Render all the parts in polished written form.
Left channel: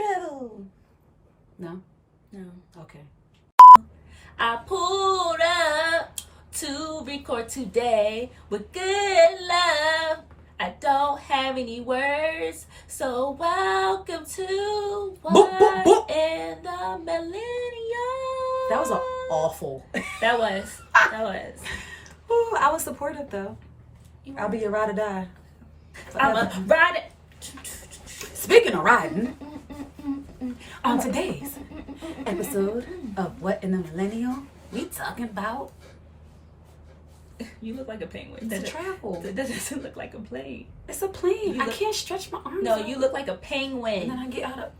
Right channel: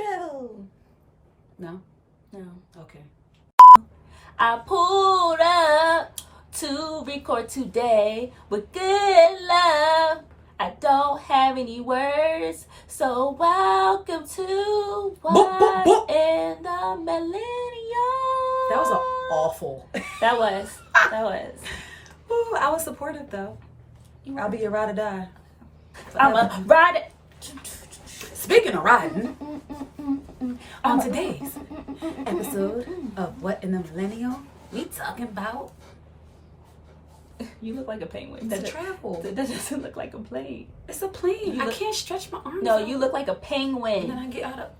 travel. No? No. Okay. I pulled up to record today with good love. I don't have any words, so welcome to What in the Millennial. That was awful. That was. Ooh, I was supportive though. I'll be your ride or die. I'm a ride. Speaking of riding, on today's episode of What in the Millennial, we talking about You look like a penguin. the travel. That doesn't look like a plane. It's a plane. I can't stretch my arms. No, out. you look like a And penguin. then I get out of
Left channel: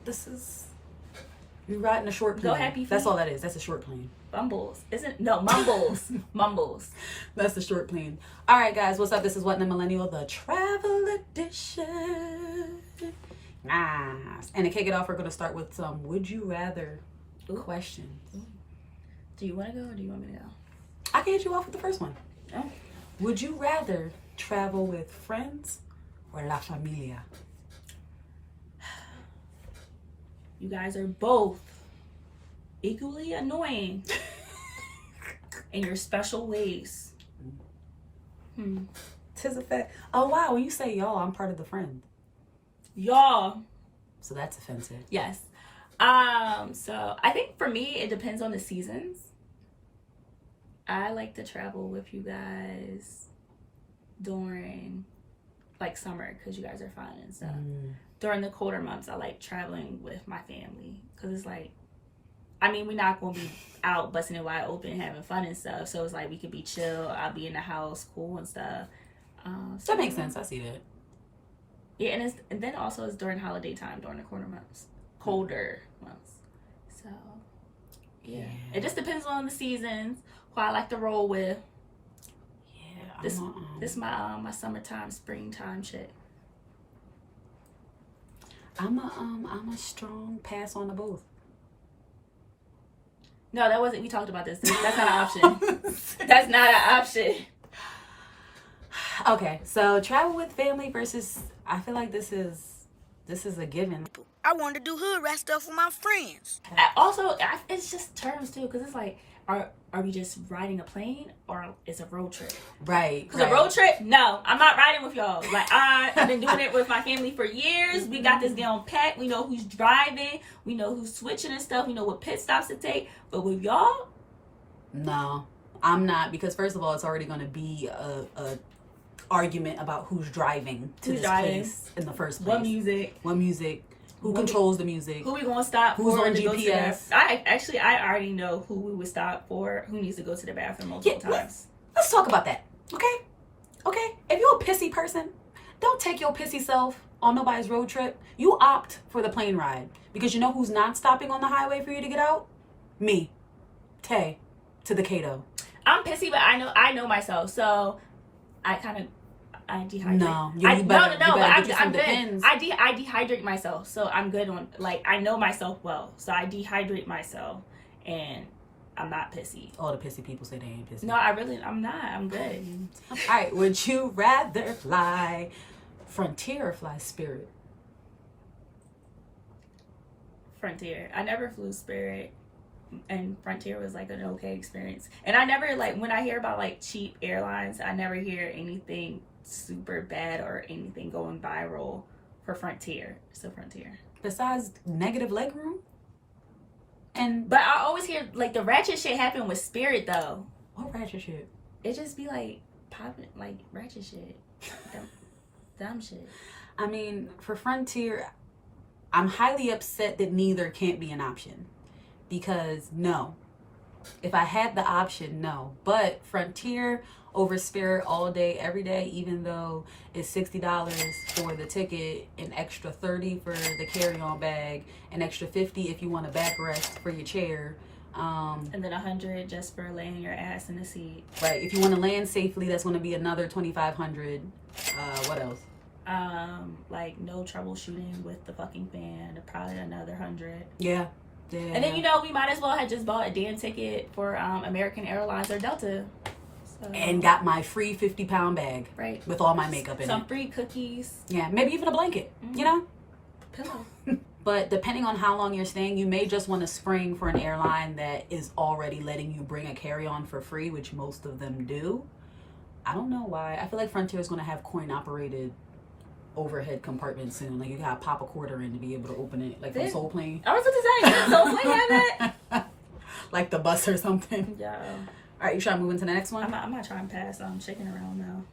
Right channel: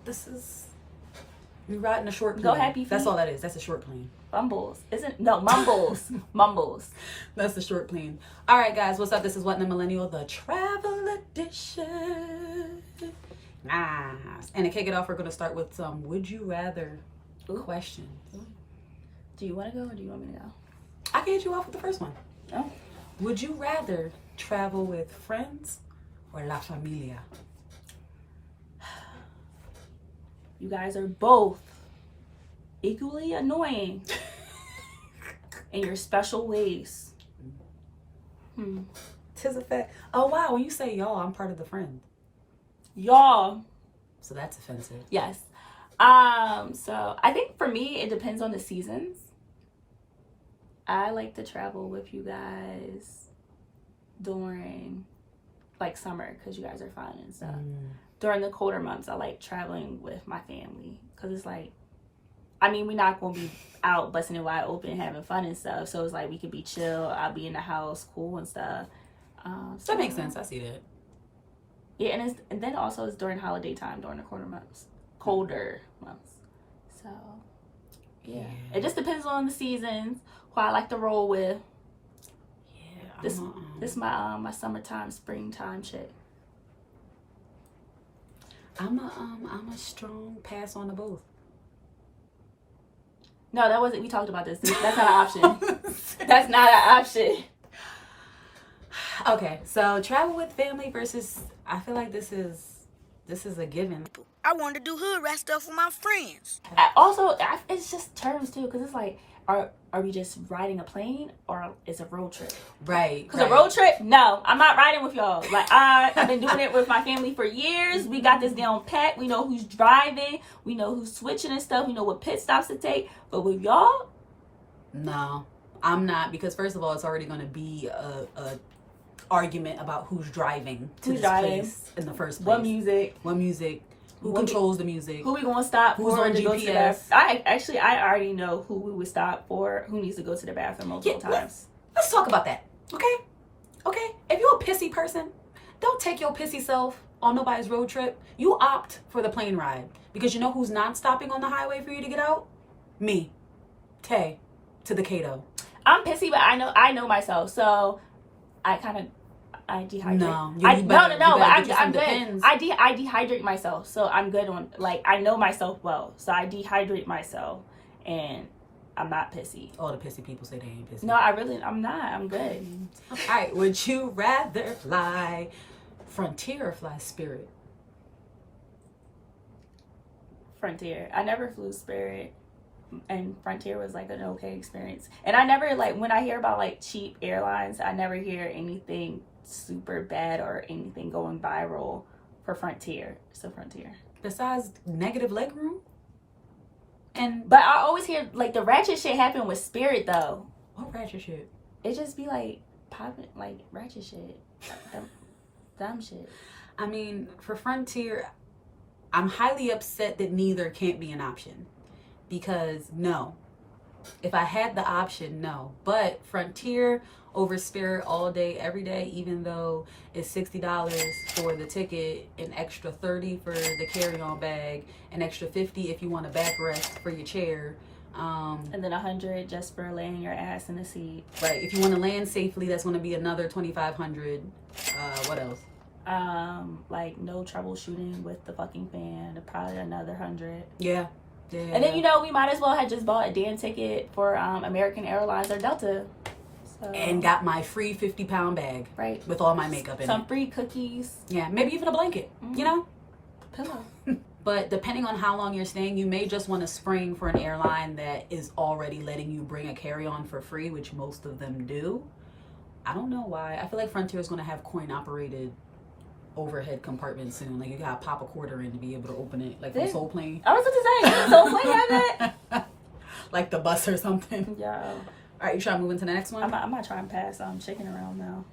you riding a short plane. Go happy feet. That's all that is. That's a short plane. Mumbles. Mumbles. Mumbles. That's the short plane. All right, guys, what's up? This is What in the Millennial, the travel edition. Nice. And to kick it off, we're going to start with some would you rather questions. Do you want to go or do you want me to go? I can hit you off with the first one. Oh. Would you rather travel with friends or la familia? You guys are both equally annoying in your special ways. Tis a fact. Oh, wow. When you say y'all, I'm part of the friend. Y'all. So that's offensive. Yes. So I think for me, it depends on the seasons. I like to travel with you guys during like summer because you guys are fun and stuff. During the colder months, I like traveling with my family because it's like, I mean, we're not going to be out busting it wide open having fun and stuff. So it's like we could be chill. I'll be in the house, cool and stuff. That makes sense. I see that. Yeah, and then also it's during holiday time, during the colder months. So, yeah. It just depends on the seasons, who I like to roll with. Yeah. This is my summertime, springtime chick. I'm a strong pass on the both. No, that wasn't. We talked about this. That's not an option. That's not an option. Okay, so travel with family versus. I feel like this is a given. I want to do hood rat stuff with my friends. It's just terms too, because it's like, are we just riding a plane or it's a road trip? Right. Because a road trip, no, I'm not riding with y'all. Like I've been doing it with my family for years. We got this down pat. We know who's driving. We know who's switching and stuff. We know what pit stops to take. But with y'all, no, I'm not, because first of all, it's already going to be a argument about who's driving to this place in the first place. What music. Who controls the music? Who we gonna stop Who's for? on GPS? I already know who we would stop for. Who needs to go to the bathroom multiple times? Let's talk about that. Okay. If you're a pissy person, don't take your pissy self on nobody's road trip. You opt for the plane ride because you know who's not stopping on the highway for you to get out? Me, Tay, to the Cato. I'm pissy, but I know myself, so I dehydrate. No, I'm good. Depends. I dehydrate myself, so I'm good on, like, I know myself well, so I dehydrate myself, and I'm not pissy. All the pissy people say they ain't pissy. No, I'm not. I'm good. All right, would you rather fly Frontier or fly Spirit? Frontier. I never flew Spirit, and Frontier was like an okay experience. And I never, like, when I hear about like cheap airlines, I never hear anything super bad or anything going viral for Frontier. So Frontier. Besides negative legroom? But I always hear like the ratchet shit happen with Spirit though. What ratchet shit? It just be like popping, like ratchet shit. Dumb shit. I mean, for Frontier, I'm highly upset that neither can't be an option. Because no. If I had the option, no. But Frontier over Spirit all day, every day, even though it's $60 for the ticket, an extra $30 for the carry-on bag, an extra $50 if you want a backrest for your chair. And then $100 just for laying your ass in the seat. Right. If you want to land safely, that's going to be another $2,500. What else? Like no troubleshooting with the fucking fan, probably another $100. Yeah. And then, you know, we might as well have just bought a damn ticket for American Airlines or Delta. So, and got my free 50-pound bag. With all my makeup in it. Some free cookies. Yeah, maybe even a blanket, you know? Pillow. But depending on how long you're staying, you may just want to spring for an airline that is already letting you bring a carry-on for free, which most of them do. I don't know why. I feel like Frontier is going to have coin-operated overhead compartments soon. Like, you gotta pop a quarter in to be able to open it, like from Soul Plane. I was about to say, Soul Plane have that? Like the bus or something. Yeah. All right, you trying to move into the next one? I'm not trying to pass chicken around now.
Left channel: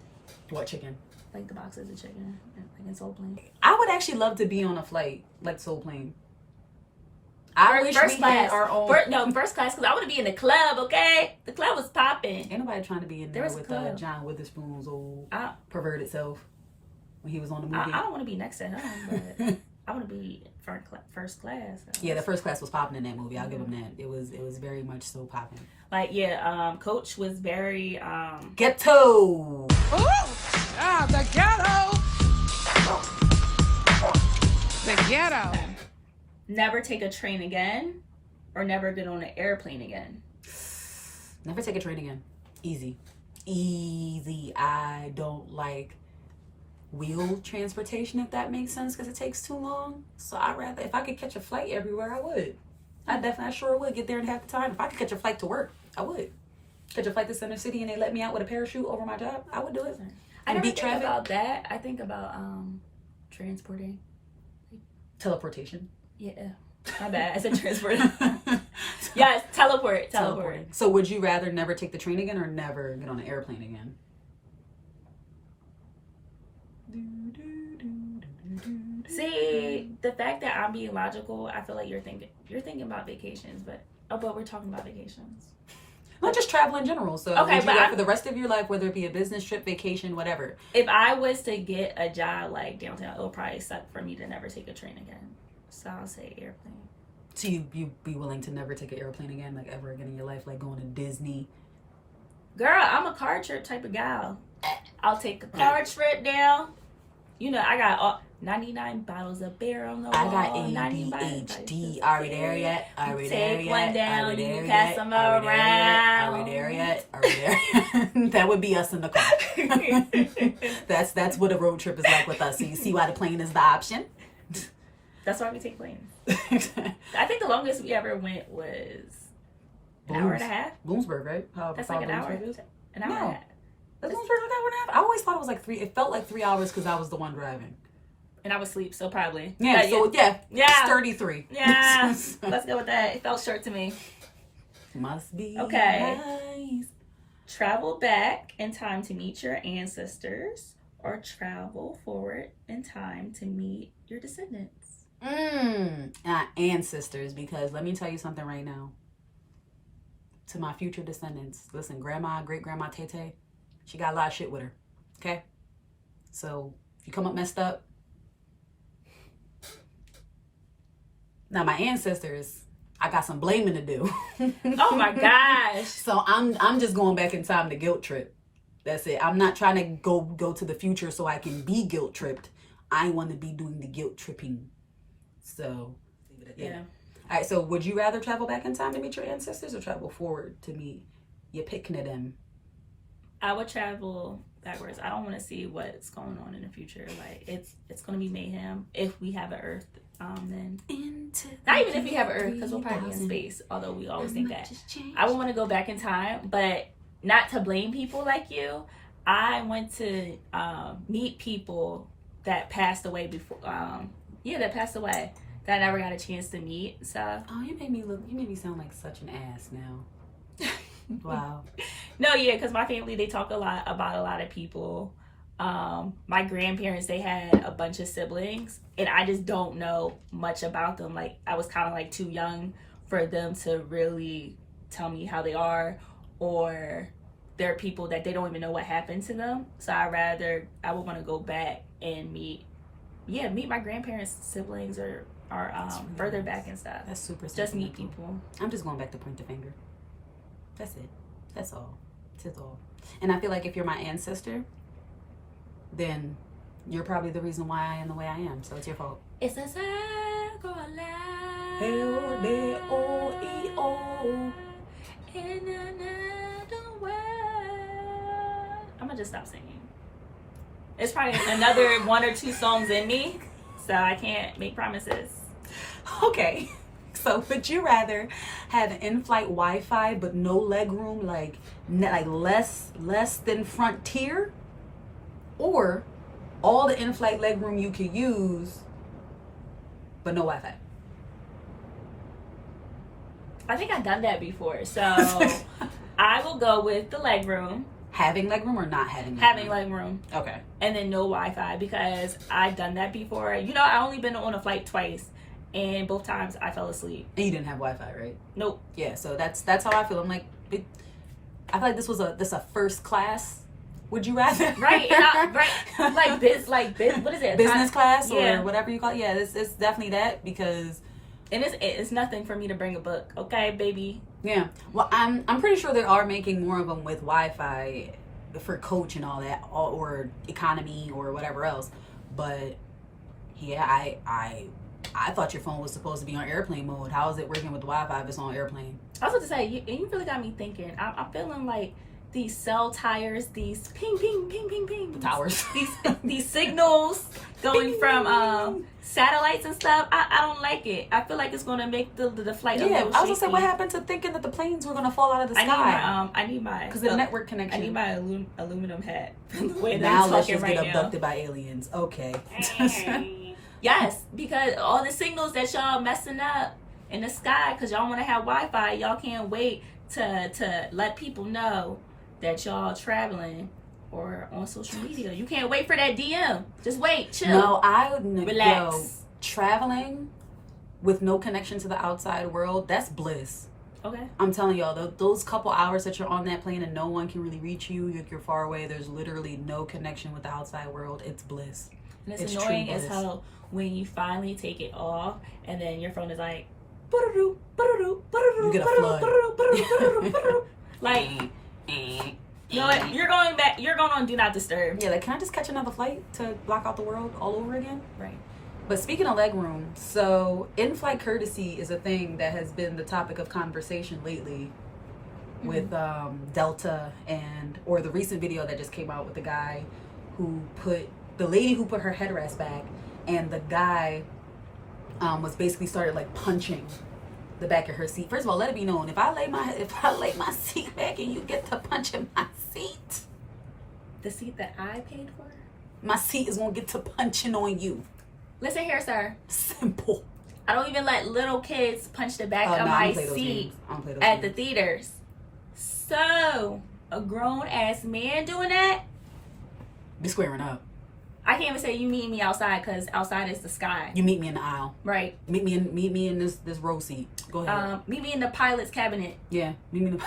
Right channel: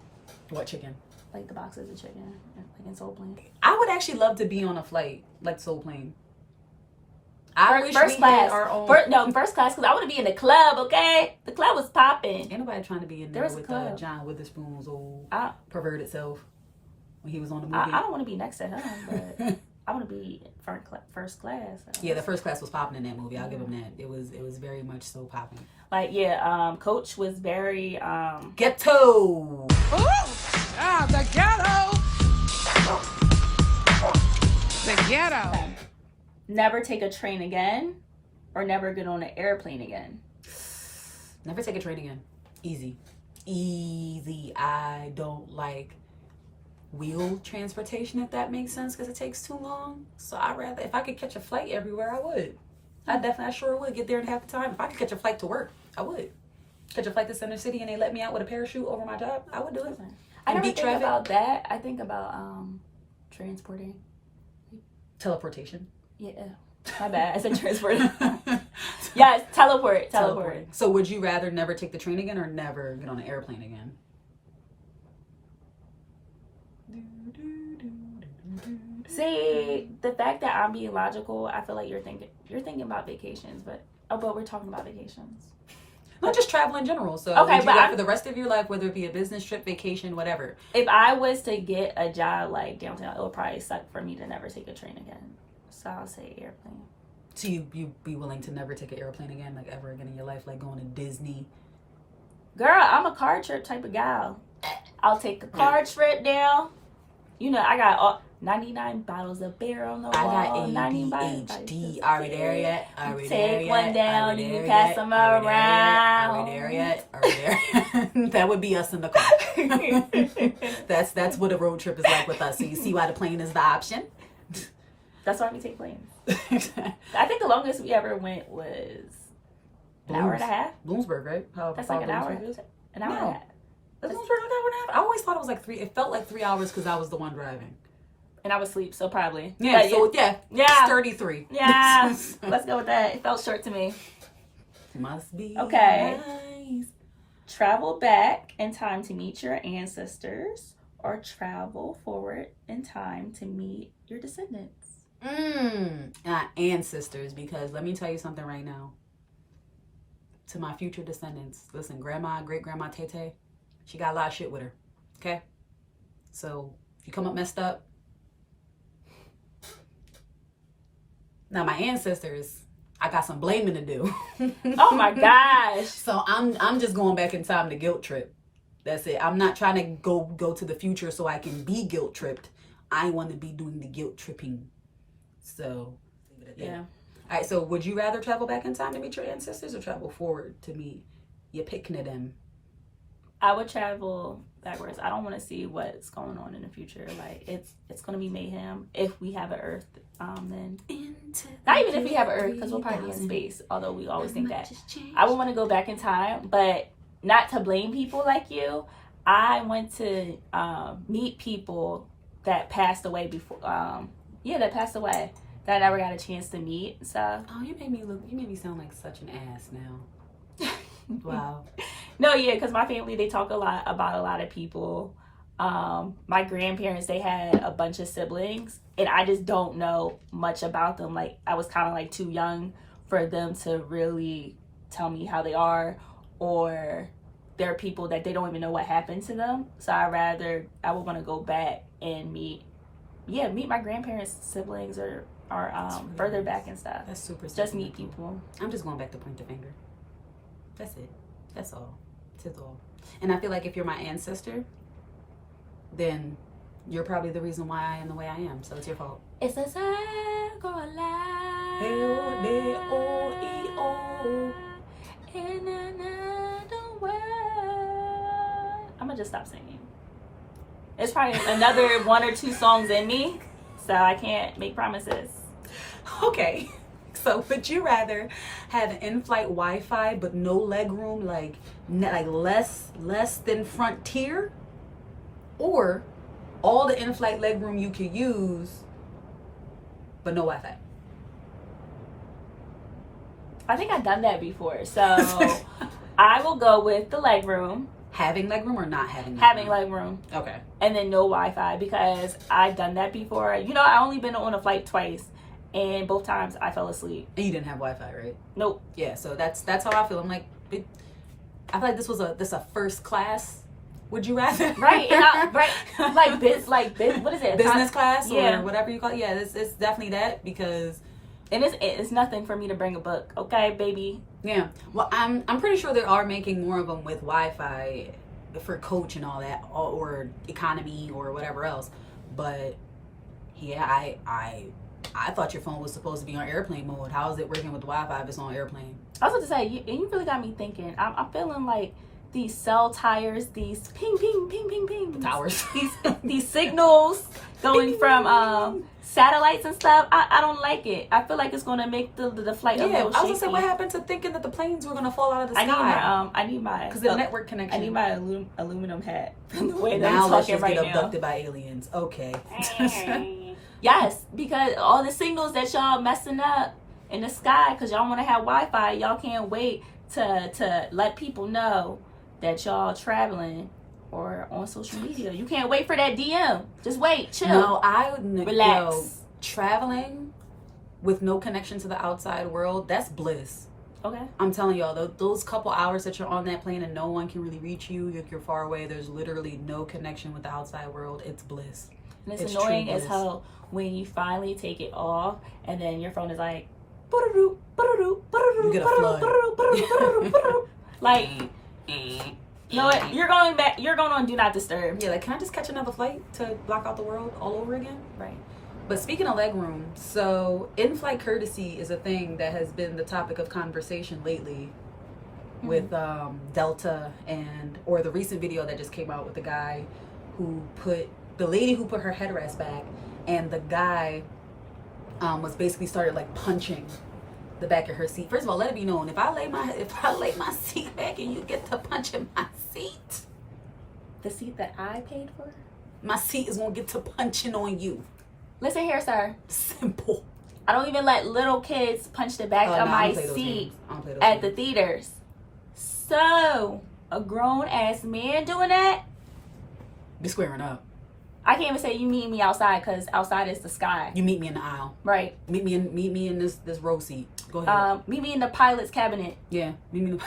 What chicken? Like the boxes of chicken, like in Soul Plane. I would actually love to be on a flight like Soul Plane. I wish we had our own. First class, because I want to be in the club, okay? The club was popping. Ain't nobody trying to be in there with John Witherspoon's old perverted self when he was on the movie. I don't want to be next to him, but I want to be first class. Yeah, the first class was popping in that movie. I'll give him that. It was very much so popping. Like, yeah, Coach was very ghetto. The ghetto. The ghetto. Never take a train again, or never get on an airplane again. Never take a train again. Easy. I don't like wheel transportation, if that makes sense, because it takes too long. So I rather, if I could catch a flight everywhere, I would. I sure would get there in half the time. If I could catch a flight to work, I would. Catch a flight to Center City and they let me out with a parachute over my job, I would do it. I never think about that. I think about transporting. Teleportation. Yeah. My bad. I said transporting. Yes, teleporting. So would you rather never take the train again or never get on an airplane again? See, the fact that I'm being logical, I feel like you're thinking about vacations, but we're talking about vacations. Not just travel in general. So okay, but for the rest of your life, whether it be a business trip, vacation, whatever. If I was to get a job like downtown, it would probably suck for me to never take a train again. So I'll say airplane. So you be willing to never take an airplane again, like ever again in your life, like going to Disney? Girl, I'm a car trip type of gal. I'll take a car trip down. You know, I got 99 bottles of beer on the wall. I got ADHD. Are we there yet? Take one down, you can pass them around. Are we there yet? That would be us in the car. That's what a road trip is like with us. So you see why the plane is the option? That's why we take planes. I think the longest we ever went was an hour and a half. Bloomsburg, right? That's like an hour. An hour and a half. That's Bloomsburg, an hour and a half. I always thought it was like 3. It felt like 3 hours because I was the one driving. And I was asleep, so probably. Yeah, but so yeah. 33. Yeah, let's go with that. It felt short to me. Must be okay. Nice. Travel back in time to meet your ancestors, or travel forward in time to meet your descendants. Ancestors, because let me tell you something right now. To my future descendants, listen, great-grandma Tay, she got a lot of shit with her. Okay? So if you come up messed up. Now my ancestors, I got some blaming to do. Oh my gosh. So I'm just going back in time to guilt trip. That's it. I'm not trying to go to the future so I can be guilt tripped. I want to be doing the guilt tripping. So yeah. All right, so would you rather travel back in time to meet your ancestors or travel forward to meet your picking of them? I would travel backwards. I don't want to see what's going on in the future. Like it's going to be mayhem if we have an Earth. Then not even if we have an Earth, because we'll probably be in space. Although we always think that. I would want to go back in time, but not to blame people like you. I want to meet people that passed away before. That passed away. That I never got a chance to meet. So. Oh, you made me sound like such an ass now. Wow. No, yeah, because my family, they talk a lot about a lot of people. My grandparents, they had a bunch of siblings, and I just don't know much about them. Like, I was kind of like too young for them to really tell me how they are, or there are people that they don't even know what happened to them. So I would want to go back and meet my grandparents' siblings or really further back and stuff. That's super just meet people. I'm just going back to point the finger. That's it. That's all. That's all. And I feel like if you're my ancestor, then you're probably the reason why I am the way I am. So it's your fault. It's a circle of life. Hey-oh-de-oh-e-oh. In another world. I'm gonna just stop singing. It's probably another 1 or 2 songs in me, so I can't make promises. Okay. So would you rather have in-flight Wi-Fi but no leg room, like less than Frontier, or all the in-flight leg room you could use but no Wi-Fi? I think I've done that before, so I will go with the leg room. Having leg room or not having leg room? Having leg room. Okay. And then no Wi-Fi, because I've done that before. You know, I only been on a flight twice, and both times I fell asleep. And you didn't have Wi-Fi, right? Nope. Yeah, so that's how I feel. I'm like, I feel like this a first class. Would you rather? Right. Right. What is it? Business class Yeah. or whatever you call it. Yeah, it's definitely that, because. And it's nothing for me to bring a book, okay, baby? Yeah. Well, I'm pretty sure they are making more of them with Wi-Fi for coach and all that, or economy or whatever else. But yeah, I thought your phone was supposed to be on airplane mode. How is it working with Wi-Fi if it's on airplane? I was about to say, you really got me thinking. I'm feeling like these cell tires, these ping, ping, ping, ping, ping. The towers. These signals going from satellites and stuff. I don't like it. I feel like it's going to make the flight a Yeah, little I was gonna say, shaky. what happened to thinking that the planes were gonna fall out of the sky? I need my Because the network connection. I need my aluminum hat. From the way that Now I'm let's talking just get right abducted by aliens. Okay. Yes, because all the signals that y'all messing up in the sky, because y'all want to have Wi-Fi, y'all can't wait to let people know that y'all traveling or on social media. You can't wait for that DM. Just wait, chill. No, I would Relax. Traveling with no connection to the outside world, that's bliss. Okay. I'm telling y'all, those couple hours that you're on that plane and no one can really reach you, you're far away, there's literally no connection with the outside world, it's bliss. And it's true annoying as bliss. hell when you finally take it off and then your phone is like, You get a flood. like, you know what? You're going back. You're going on Do Not Disturb. Yeah, like, can I just catch another flight to block out the world all over again? Right. But speaking of leg room, so in-flight courtesy is a thing that has been the topic of conversation lately with Delta or the recent video that just came out with the guy the lady who put her headrest back, and the guy was basically started like punching the back of her seat. First of all, let it be known, if I lay my seat back and you get to punching my seat, The seat that I paid for? my seat is gonna get to punching on you. Listen here, sir. Simple. I don't even let little kids punch the back Oh, of no, I my don't play those seat games. I don't play those at the games. theaters. So, a grown-ass man doing that? Be squaring up. I can't even say you meet me outside, because outside is the sky. You meet me in the aisle. Right. Meet me in this row seat. Go ahead. Meet me in the pilot's cabinet. Yeah. Meet me in the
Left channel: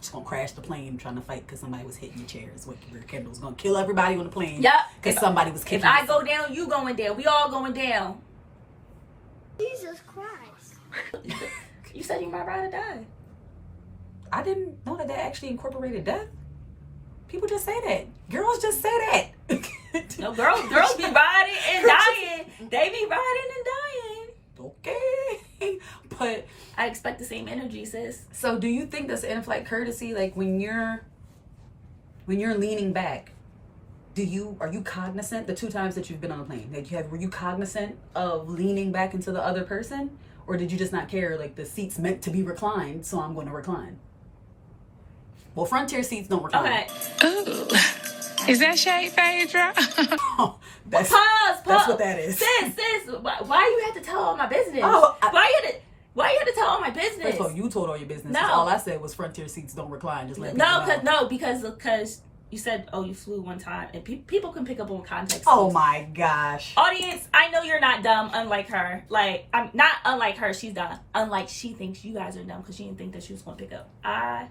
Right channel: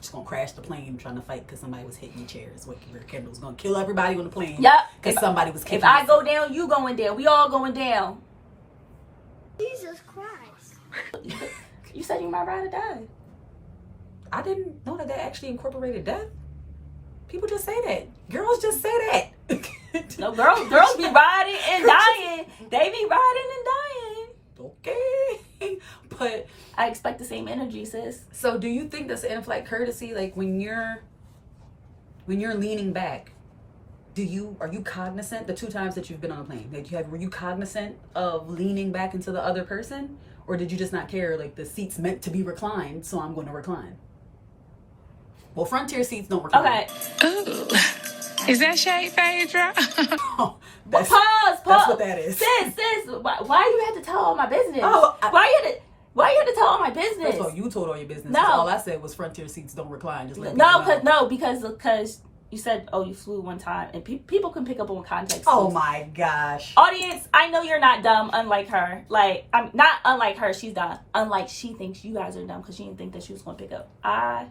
just gonna crash the plane trying to fight because somebody was hitting your chairs. What Kendall's gonna kill everybody on the plane. Yep. Because somebody was kicking. If I go down, you going down. We all going down. Jesus Christ. You said you might ride or die. I didn't know that actually incorporated death. People just say that. Girls just say that. No, girls be riding and dying. They be riding and dying. Okay. But I expect the same energy, sis. so do you think that's in-flight courtesy? Like when you're leaning back, are you cognizant the two times that you've been on a plane? Were you cognizant of leaning back into the other person? Or did you just not care? Like, the seat's meant to be reclined, so I'm going to recline. Well, Frontier seats don't recline. Okay. Ooh. Is that shade, Phaedra? Oh, that's Pause. That's what that is. Sis, why you had to tell all my business? Oh, why you had to tell all my business? First of all, you told all your business. No. All I said was Frontier seats don't recline. Just let people know. Because you said, oh, you flew one time, and people can pick up on context. Oh clues. my gosh. Audience, I know you're not dumb, unlike her. Like, I'm not unlike her, she's dumb. Unlike she thinks you guys are dumb because she didn't think that she was going to pick up. I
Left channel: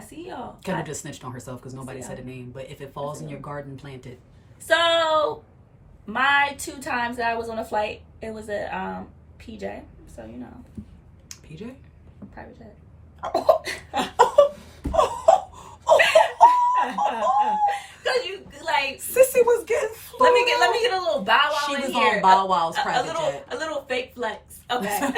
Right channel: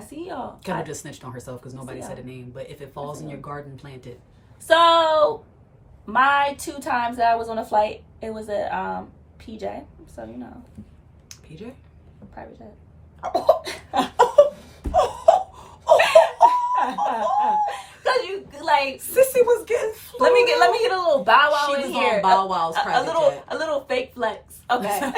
see y'all. Kendall just snitched on herself because nobody Yeah. said a name. But if it falls in your garden, plant it. So, my 2 times that I was on a flight, it was a PJ. So, you know. PJ? A private jet. Cause you like Sissy was getting. let me get a little bow wow She in was here. on Bow Wow's private little jet. a little fake flex. Okay.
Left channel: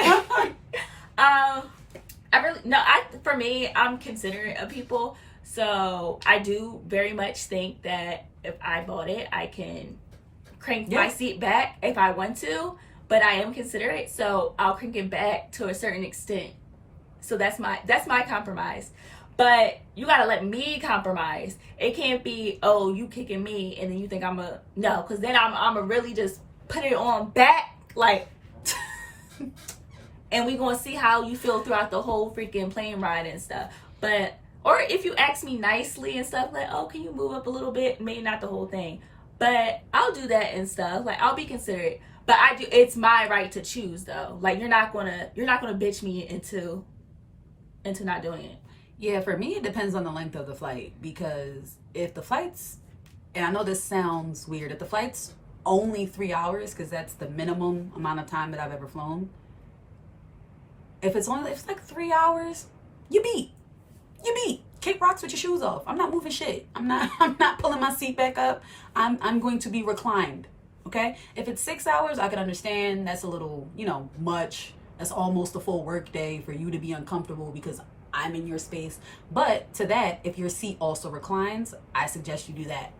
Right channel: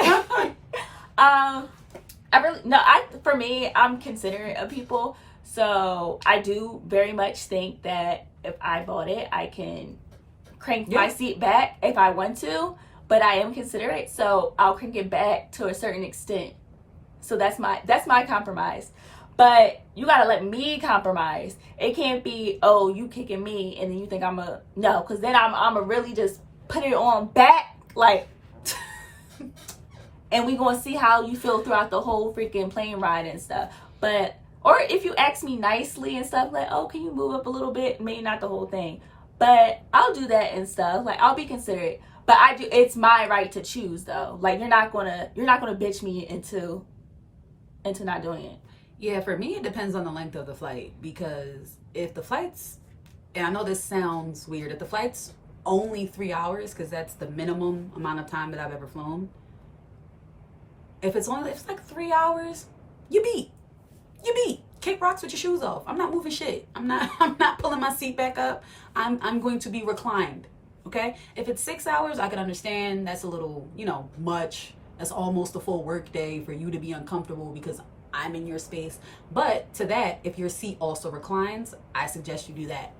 For me, I'm considerate of people, so I do very much think that if I bought it, I can crank my seat back if I want to. but I am considerate, so I'll crank it back to a certain extent. So that's my compromise. But you gotta let me compromise. It can't be, oh, you kicking me and then you think no, because then I'm a really just put it on back, like, and we gonna see how you feel throughout the whole freaking plane ride and stuff. But, or if you ask me nicely and stuff, like, oh, can you move up a little bit? Maybe not the whole thing, but I'll do that and stuff. Like, I'll be considerate. But it's my right to choose, though. Like, you're not gonna bitch me into not doing it. Yeah, for me, it depends on the length of the flight, because if the flight's, and I know this sounds weird, if the flight's only 3 hours, because that's the minimum amount of time that I've ever flown. If it's like 3 hours, you beat. Kick rocks with your shoes off. I'm not moving shit. I'm not pulling my seat back up. I'm going to be reclined. Okay? If it's 6 hours, I can understand that's a little, much. That's almost a full work day for you to be uncomfortable because I'm in your space. But to that, if your seat also reclines, I suggest you do that,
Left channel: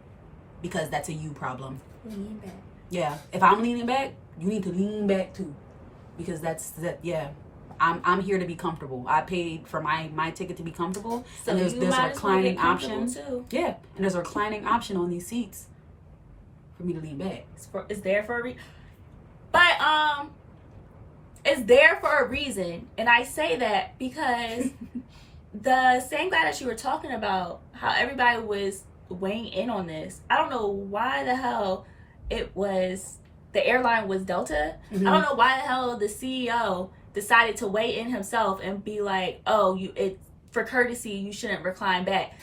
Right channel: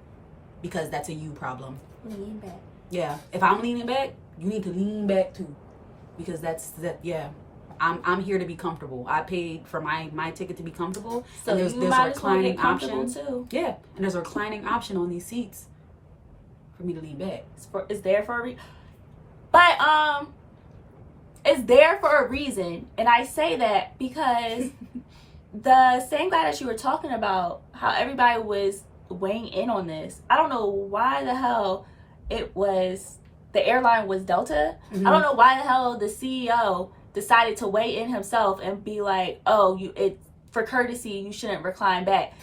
because that's a you problem. Lean back. Yeah. If I'm leaning back, you need to lean back too, because yeah. I'm here to be comfortable. I paid for my ticket to be comfortable. So and there's a reclining option. Too. Yeah. And there's a reclining option on these seats for me to lean back. It's there for a reason. But it's there for a reason. And I say that because the same guy that you were talking about, how everybody was weighing in on this, I don't know why the hell the airline was Delta. Mm-hmm. I don't know why the hell the CEO decided to weigh in himself and be like, oh, for courtesy, you shouldn't recline back.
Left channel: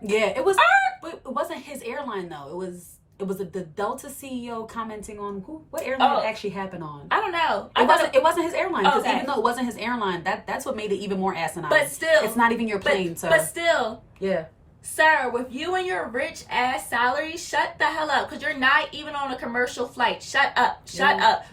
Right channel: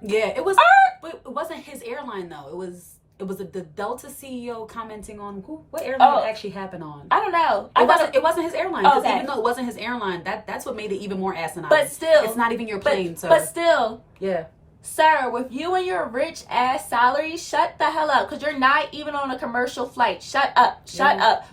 Yeah, it was, but it wasn't his airline though. It was the Delta CEO commenting on what airline it actually happened on. I don't know. It wasn't his airline, because Okay. even though it wasn't his airline, that's what made it even more asinine. But still, it's not even your plane, sir. But still, yeah. Sir, with you and your rich ass salary, shut the hell up, because you're not even on a commercial flight. Shut up.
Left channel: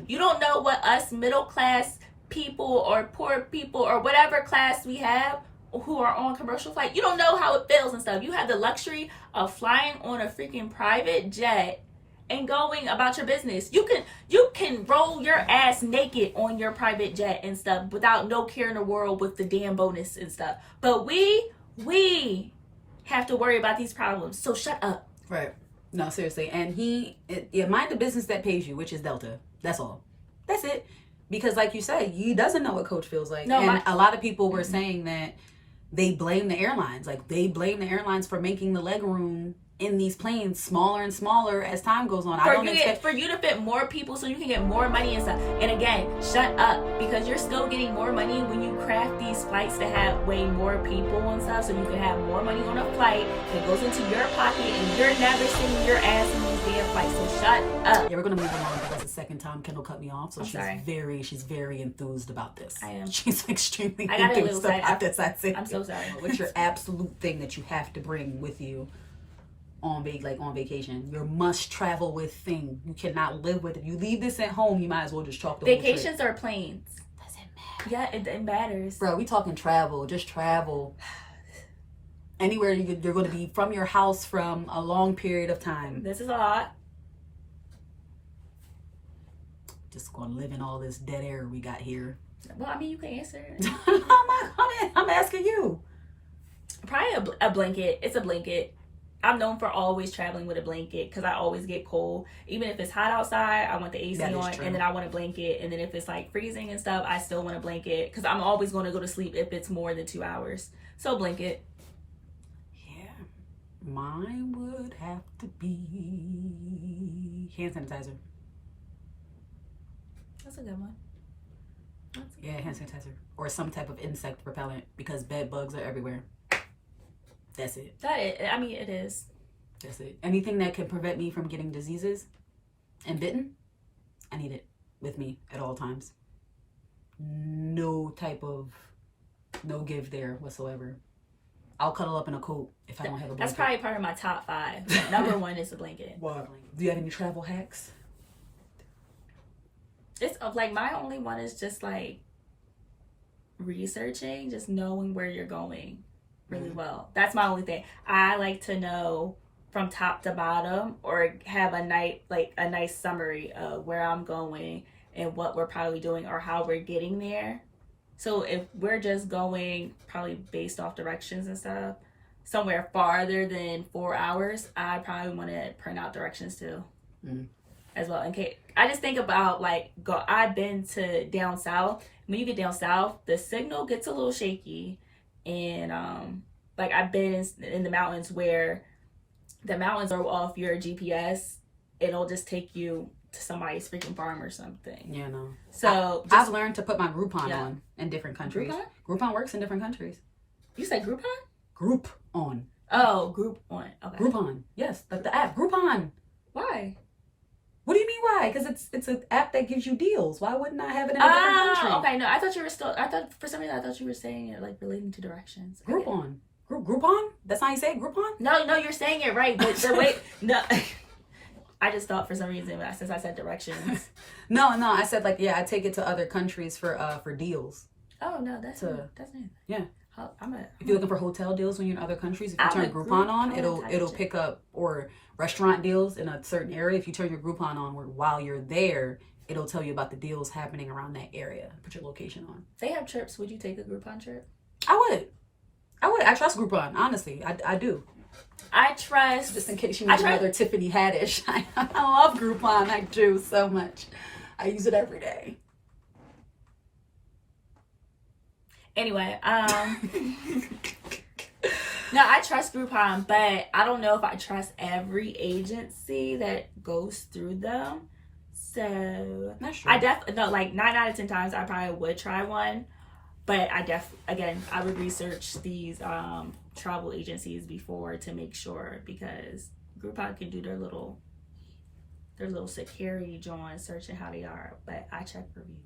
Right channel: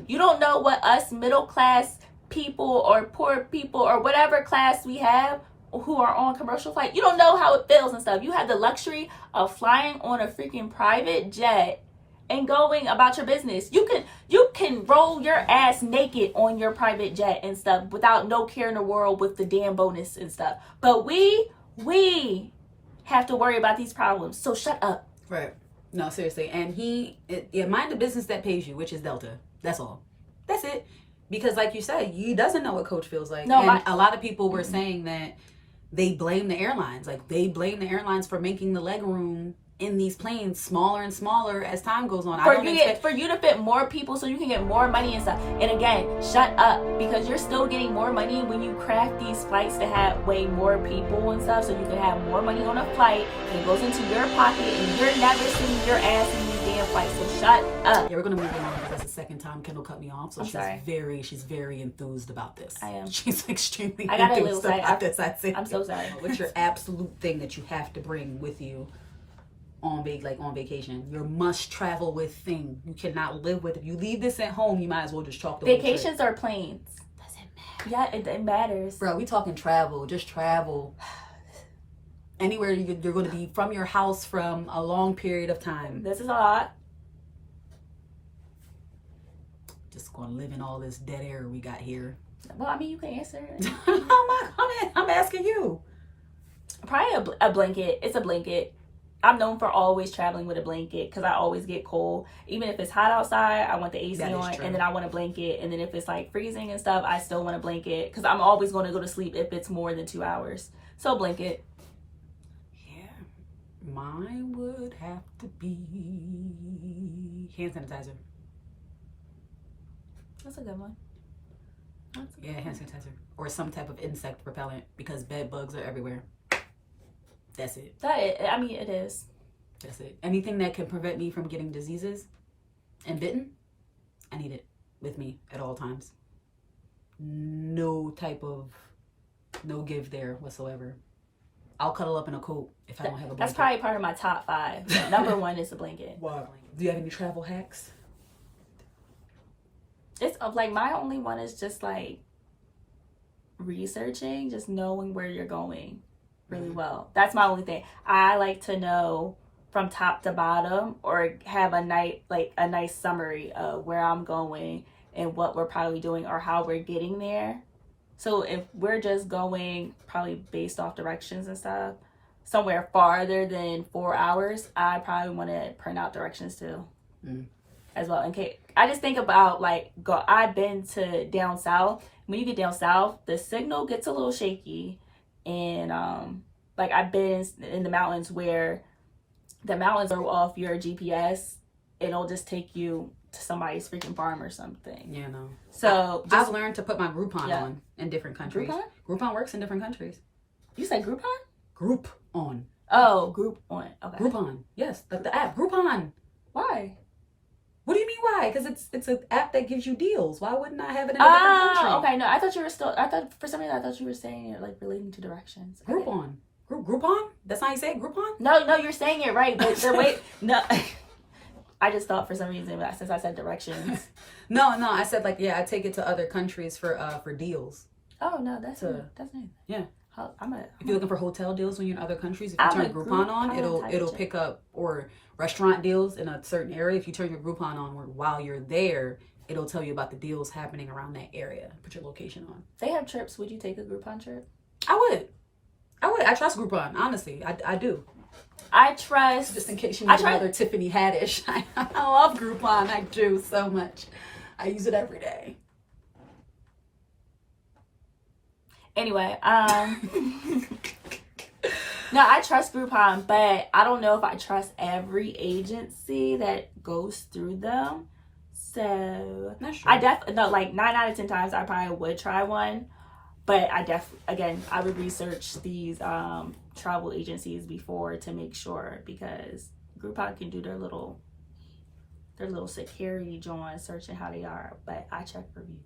You don't know what us middle class people or poor people or whatever class we have who are on commercial flight, you don't know how it feels and stuff. You have the luxury of flying on a freaking private jet and going about your business. You can roll your ass naked on your private jet and stuff without no care in the world with the damn bonus and stuff. But we have to worry about these problems. So shut up. Right. No, seriously. And mind the business that pays you, which is Delta. That's all. That's it. Because like you said, he doesn't know what coach feels like. No, a lot of people were saying that they blame the airlines. Like, they blame the airlines for making the leg room in these planes smaller and smaller as time goes on. For you to fit more people so you can get more money and stuff. And again, shut up, because you're still getting more money when you craft these flights to have way more people and stuff, so you can have more money on a flight. It goes into your pocket and you're never sitting your ass in these damn flights. So shut up. Yeah, we're gonna move along, because the second time Kendall cut me off, so she's very enthused about this. I am. She's extremely enthused about this. I'm so sorry. What's your absolute thing that you have to bring with you on vacation? Your must travel with thing. You cannot live with. If you leave this at home, you might as well just chalk the vacations or planes. Doesn't matter. Yeah, it matters. Bro, we talking travel. Just travel. Anywhere you're going to be from your house from a long period of time. This is a lot. Just going to live in all this dead air we got here. Well, I mean, you can answer. I'm asking you. Probably a blanket. It's a blanket. I'm known for always traveling with a blanket because I always get cold. Even if it's hot outside, I want the AC on, and then I want a blanket. And then if it's like freezing and stuff, I still want a blanket because I'm always going to go to sleep if it's more than 2 hours. So blanket. Yeah. Mine would have to be hand sanitizer. That's a good one. Hand sanitizer. Or some type of insect repellent, because bed bugs are everywhere. That's it. It is. That's it. Anything that can prevent me from getting diseases and bitten, I need it with me at all times. No give there whatsoever. I'll cuddle up in a coat if I don't have a blanket. That's probably part of my top 5. Number 1 is a blanket. Wow. Do you have any travel hacks? It's like my only one is just like researching, just knowing where you're going really well. That's my only thing. I like to know from top to bottom, or have a nice summary of where I'm going and what we're probably doing or how we're getting there. So if we're just going probably based off directions and stuff, somewhere farther than 4 hours, I probably want to print out directions too, as well. In case I just think about like I've been to down south. When you get down south, the signal gets a little shaky, and like I've been in the mountains where the mountains are off your GPS. It'll just take you to somebody's freaking farm or something. Yeah, no. So I've learned to put my Groupon on in different countries. Groupon works in different countries. You say Groupon? Groupon. Oh, Groupon. Okay. Groupon. Yes, the app Groupon. Why? What do you mean why? Because it's an app that gives you deals. Why wouldn't I have it in a different country? Okay. No, I thought you were still. I thought for some reason I thought you were saying it like relating to directions. Okay. Groupon. Groupon? That's how you say it? Groupon? No, you're saying it right. But wait, no. I just thought for some reason since I said directions. No, I said like I take it to other countries for deals. Oh no, that's nice. Yeah. If you're looking for hotel deals when you're in other countries, if you turn Groupon on, it'll pick up, or restaurant deals in a certain area. If you turn your Groupon on, while you're there, it'll tell you about the deals happening around that area. Put your location on. They have trips. Would you take a Groupon trip? I would. I trust Groupon. Honestly, I do. I trust. Just in case you need another Tiffany Haddish. I love Groupon. I do so much. I use it every day. Anyway, no, I trust Groupon, but I don't know if I trust every agency that goes through them. So that's true. I definitely no, like 9 out of 10 times I probably would try one, but I would research these travel agencies before to make sure, because Groupon can do their little security join searching how they are, but I check reviews.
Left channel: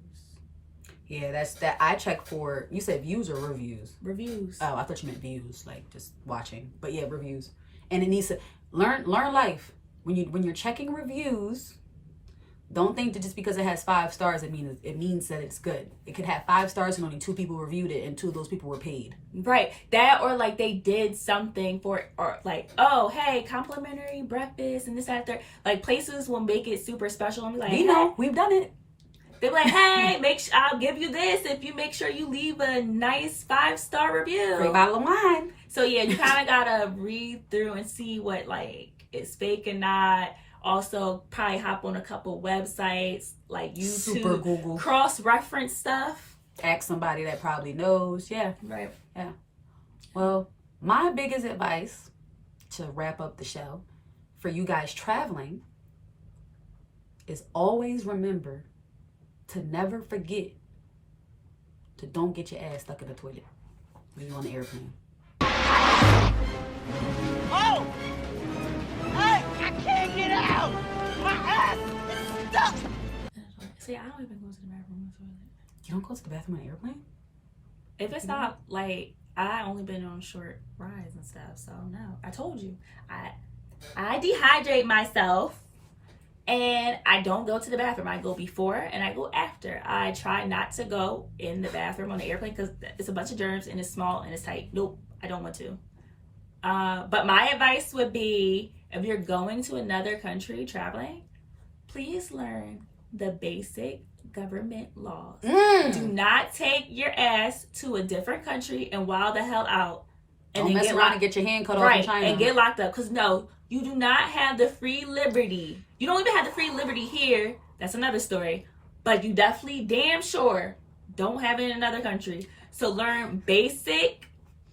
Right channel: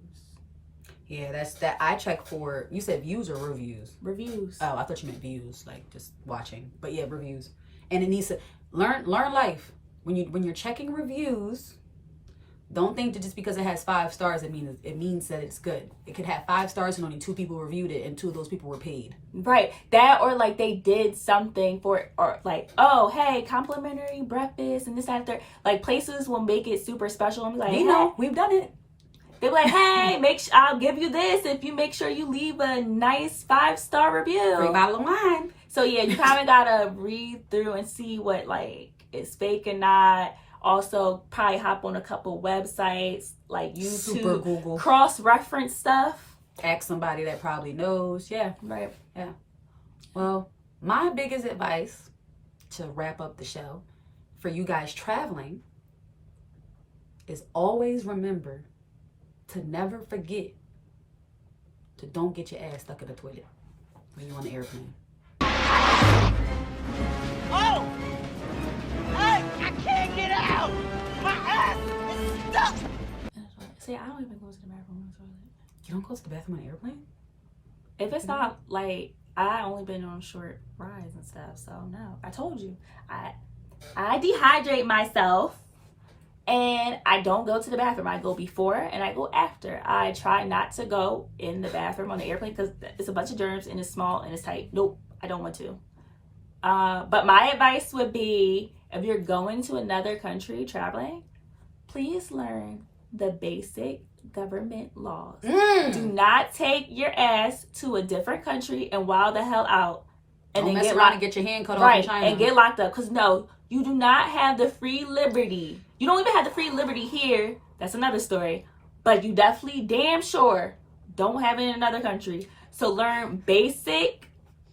Yeah, that's that. I check for, you said views or reviews? Reviews. Oh, I thought you meant views, like just watching. But yeah, reviews. And it needs to learn life. When you're checking reviews, don't think that just because it has 5 stars it means that it's good. It could have 5 stars and only 2 people reviewed it, and 2 of those people were paid. Right. That, or like they did something for it, or like, oh hey, complimentary breakfast and this after. Like places will make it super special and be like, we've done it. They're like, hey, I'll give you this if you make sure you leave a nice 5-star review. Free bottle of wine. So yeah, you kind of gotta read through and see what like is fake and not. Also, probably hop on a couple websites like YouTube, Super Google, cross-reference stuff. Ask somebody that probably knows. Yeah, right. Yeah. Well, my biggest advice to wrap up the show for you guys traveling is always remember to never forget to don't get your ass stuck in the toilet when you're on the airplane. Oh! Hey, I can't get out! My ass is stuck! See, I don't even go to the bathroom on the toilet. You don't go to the bathroom on an airplane? If it's not like, I only been on short rides and stuff, so no. I told you. I dehydrate myself. And I don't go to the bathroom. I go before and I go after. I try not to go in the bathroom on the airplane because it's a bunch of germs and it's small and it's tight. Nope, I don't want to. But my advice would be, if you're going to another country traveling, please learn the basic government laws. Do not take your ass to a different country and wild the hell out. And don't mess around and get your hand cut off in China. And get locked up. Because no, you do not have the free liberty. You don't even have the free liberty here. That's another story. But you definitely damn sure don't have it in another country. So learn basic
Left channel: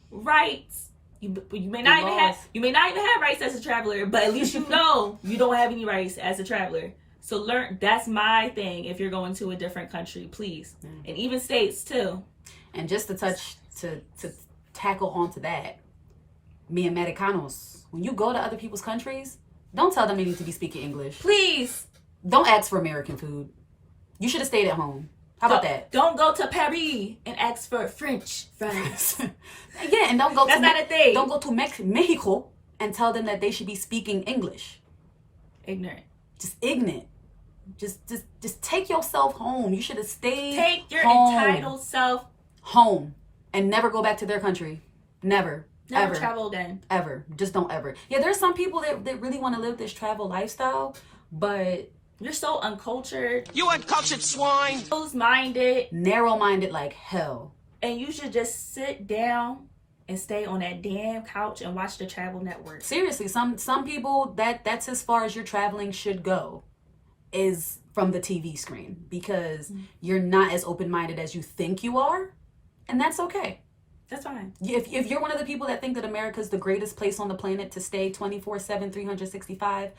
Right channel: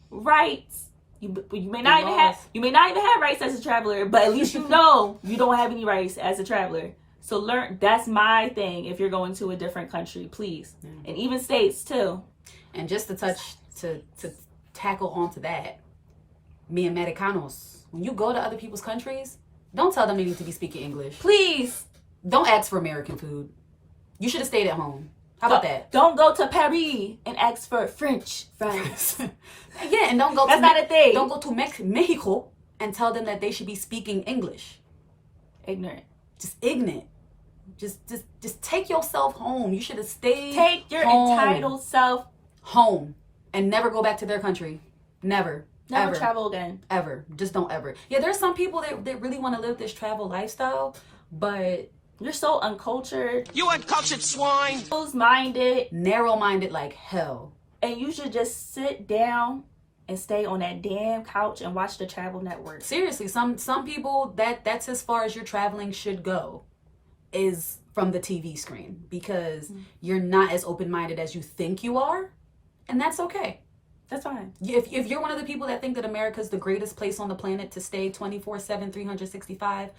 rights. You may not even have rights as a traveler, but at least you know you don't have any rights as a traveler. So learn. That's my thing. If you're going to a different country, please, and even states too. And just to tackle onto that, mi americanos. When you go to other people's countries, don't tell them they need to be speaking English. Please. Don't ask for American food. You should have stayed at home. How about that? Don't go to Paris and ask for French fries. Yeah, and don't go That's not a thing. Don't go to Mexico and tell them that they should be speaking English. Ignorant. Just ignorant. Just take yourself home. You should have stayed Take your home. entitled self home and never go back to their country. Never ever travel again. Ever. Just don't ever. Yeah, there's some people that really want to live this travel lifestyle, but You're so uncultured, You uncultured swine. closed-minded, Narrow-minded like hell. and you should just sit down and stay on that damn couch and watch the Travel Network. Seriously, some people that's as far as your traveling should go, is from the TV screen, because you're not as open-minded as you think you are, and that's okay. That's fine. If you're one of the people that think that America's the greatest place on the planet to stay 24/7, 365,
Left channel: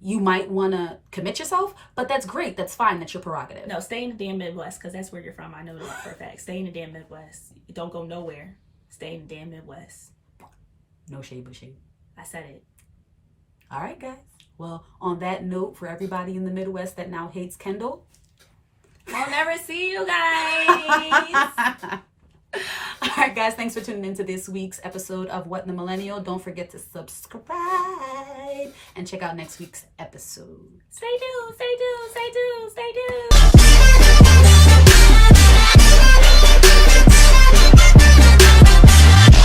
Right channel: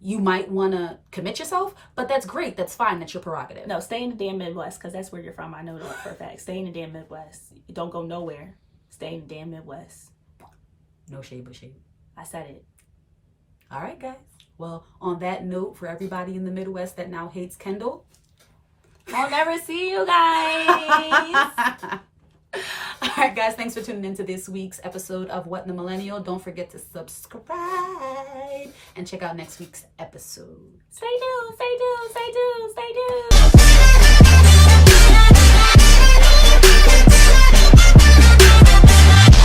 you might want to commit yourself, but that's great. That's fine. That's your prerogative. No, stay in the damn Midwest, because that's where you're from. I know that for a fact. Stay in the damn Midwest. Don't go nowhere. Stay in the damn Midwest. No shade but shade. I said it. All right, guys. Well, on that note, for everybody in the Midwest that now hates Kendall, I'll never see you guys. all right, guys, thanks for tuning into this week's episode of What in the Millennial. Don't forget to subscribe and check out next week's episode. Stay tuned. Stay tuned. Stay